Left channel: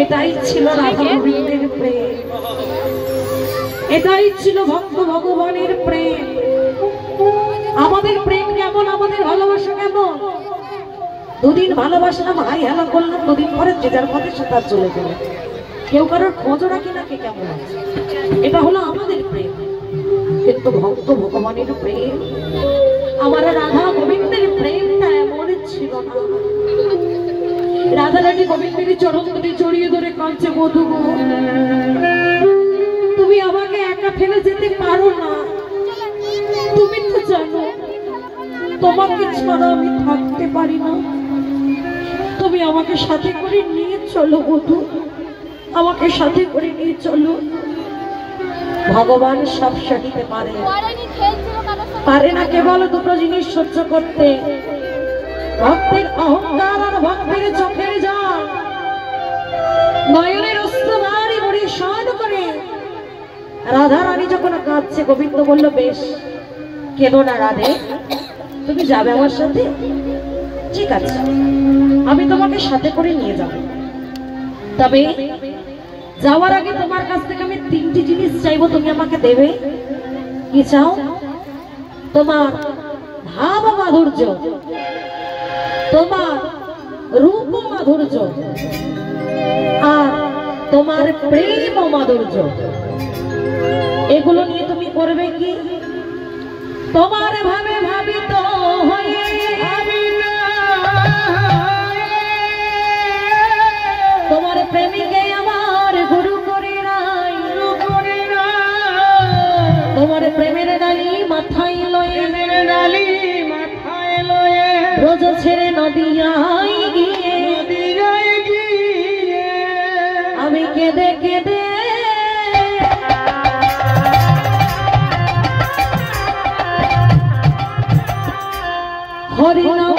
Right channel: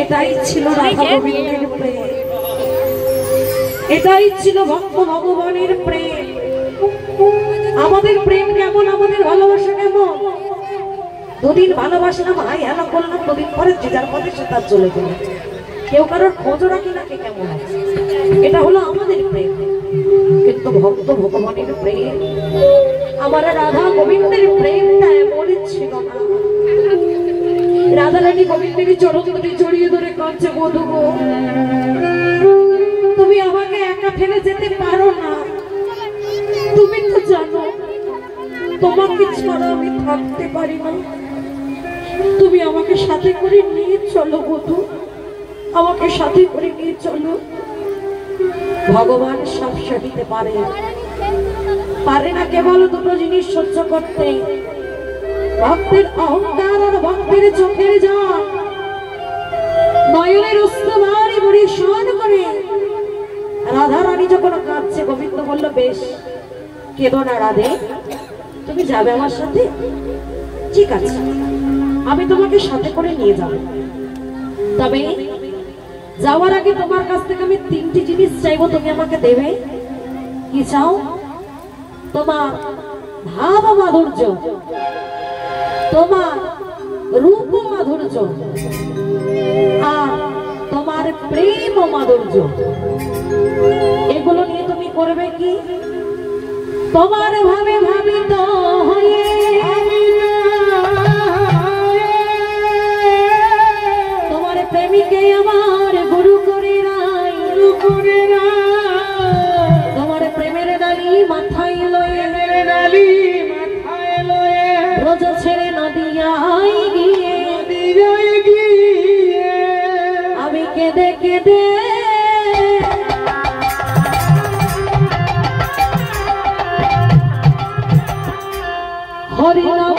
এটাই ছিল রাধা গোবিন্দের প্রেম, এটাই ছিল ভক্ত ভগবানের প্রেম। আমাদের প্রেম কেমন, আমাদের ভালোবাসা কেমন? দুদিন ভালোবাসলাম, হাই হ্যালো করলাম, দুদিন পরে যে যার পথে সেটা চলে গেল, কেউ কারোর খোঁজও রাখি না কে কেমন আছে। এটা হলো আমাদের প্রেম। কিন্তু ভক্ত ভগবানের প্রেম, আমার রাধা গোবিন্দের প্রেমটা এমন ছিল না। রাধা রানী গোবিন্দের চরণ দুটি জড়িয়ে ধরে কাঁদছে, বধূ গো তুমি আমাকে একা ফেলে যেতে পারো না, তুমি তো জানো তোমাকে ছাড়া আমি থাকতে পারি না, তুমি আমাকে সাথে করে নিয়ে চলো বধূ, আমাকে সাথে করে নিয়ে চলো। ভগবান সব সহিতে পারে, পারে না কেবল দুটো জিনিস সহ্য করতে, ভক্তের অহংকার আর ভক্তের চোখের জল, নয়নের অশ্রুধারি পরিশোধ করে। রাধা রানী যখন কাঁদছে, গোবিন্দ বলল বেশ কেঁদো না রাধে, তুমি যাবে আমার সাথে? ঠিক আছে, আমি তোমাকে সাথে করে নিয়ে যাব, তবে যাওয়ার আগে তোমার কাছ থেকে আমি তিনটি জিনিস চাইবো, তুমি আমাকে দেবে। কি চাও? তোমার ভাব মাধুর্য, তোমার রূপ মাধুর্য, আর তোমার প্রেম মাধুর্য। এগুলো নিয়ে তুমি করবে কি? তোমার ভাবে ভাবিত হয়ে তোমার প্রেমিকে আমার গুরু করে নাই, তোমার প্রেমের ডালি মাথায় লয়ে, ব্রজ ছেড়ে নদিয়ায় গিয়ে আমি কেঁদে কেঁদে হরি নাম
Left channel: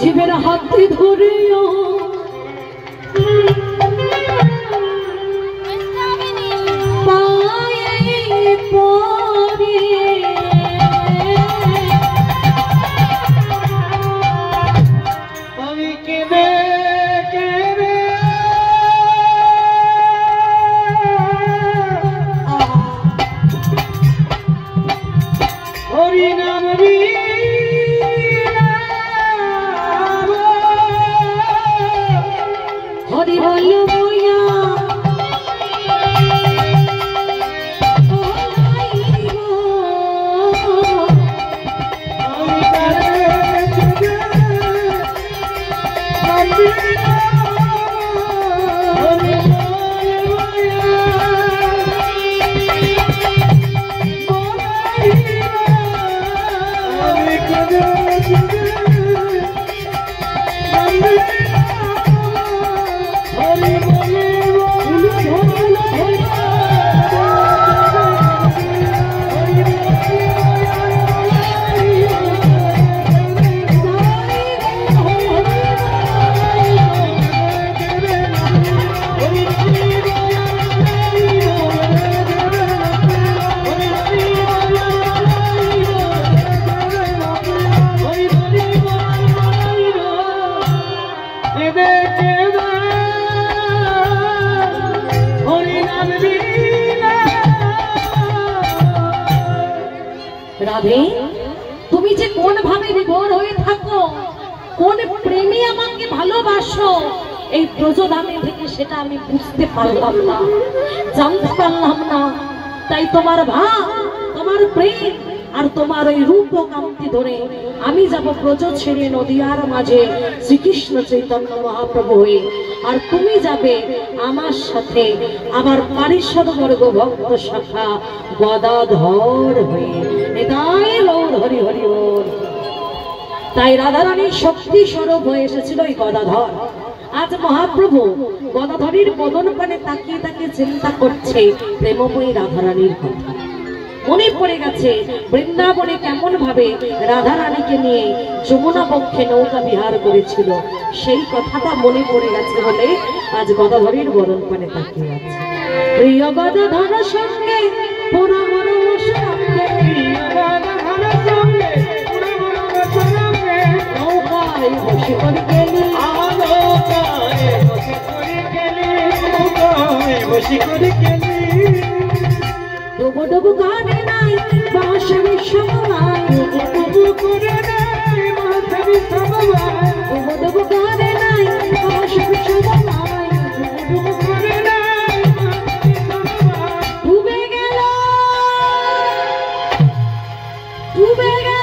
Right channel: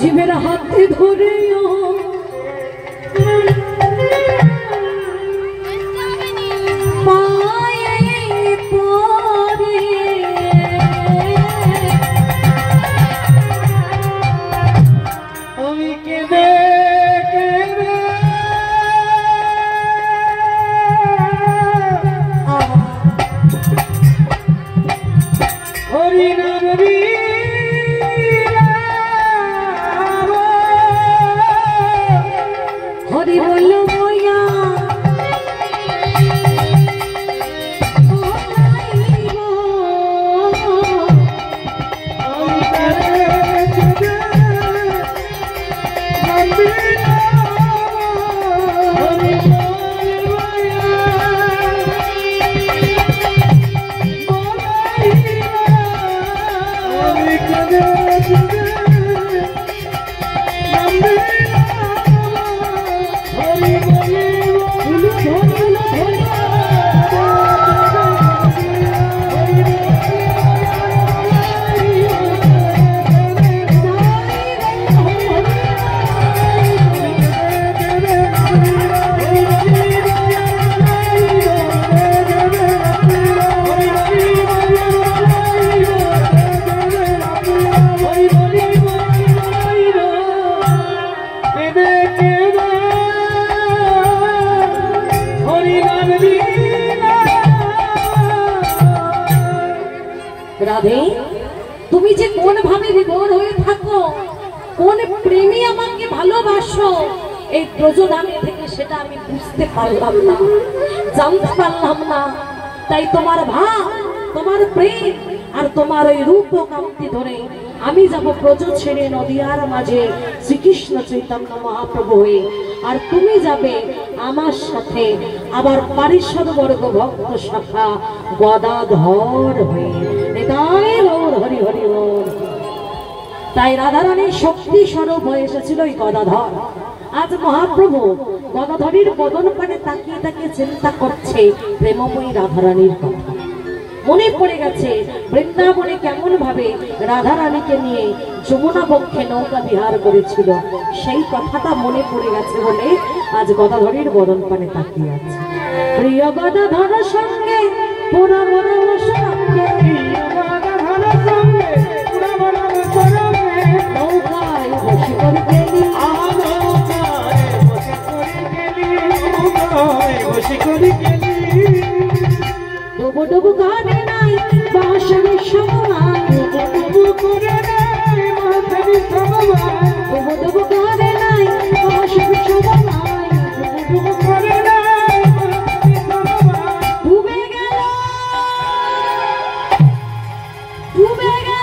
জীবের হাতে ধরে আমি কেঁদে কেঁদে হরি নাম হরি বলল রাধে তুমি যে কোন ভাবে বিভোর হয়ে থাকো, কোন প্রেমী আমাকে ভালোবাসো, এই ব্রজধামে থেকে সেটা আমি বুঝতে পারলাম না, জানতে পারলাম না। তাই তোমার ভাব, তোমার প্রেম আর তোমার এই রূপ কান্তি ধরে আমি যাব ব্রজ ছেড়ে নদিয়ার মাঝে শ্রীকৃষ্ণ চৈতন্য মহাপ্রভু হয়ে, আর তুমি যাবে আমার সাথে আবার পারিষদ বর্গ ভক্ত শাখা গদাধর হয়ে। এটাই গৌর হরি হরি বল। তাই রাধারানীর শক্তি স্বরূপ হয়ে এসেছিল এই গদাধর। আজ মহাপ্রভু গদাধরীর বদন পানে তাকিয়ে তাকিয়ে চিন্তা করছে প্রেমময়ী রাধারানীর কথা। মনে পড়ে গেছে বৃন্দাবনে কেমন ভাবে রাধারানীকে নিয়ে যমুনা বক্ষে নৌকা বিহার করেছিল, সেই কথাটা মনে পড়ে গেছে বলে আজ গদাধরীর বদন পানে তাকিয়ে আছে। প্রিয় গদাধর সঙ্গে নৌকায় বসে করে গেলি, ডুবো ডুবো গানে নাই বাঁশের সময়, ডুবো ডুবো গানে নাই বাঁশের সময়, ডুবে গেল ডুবে গেল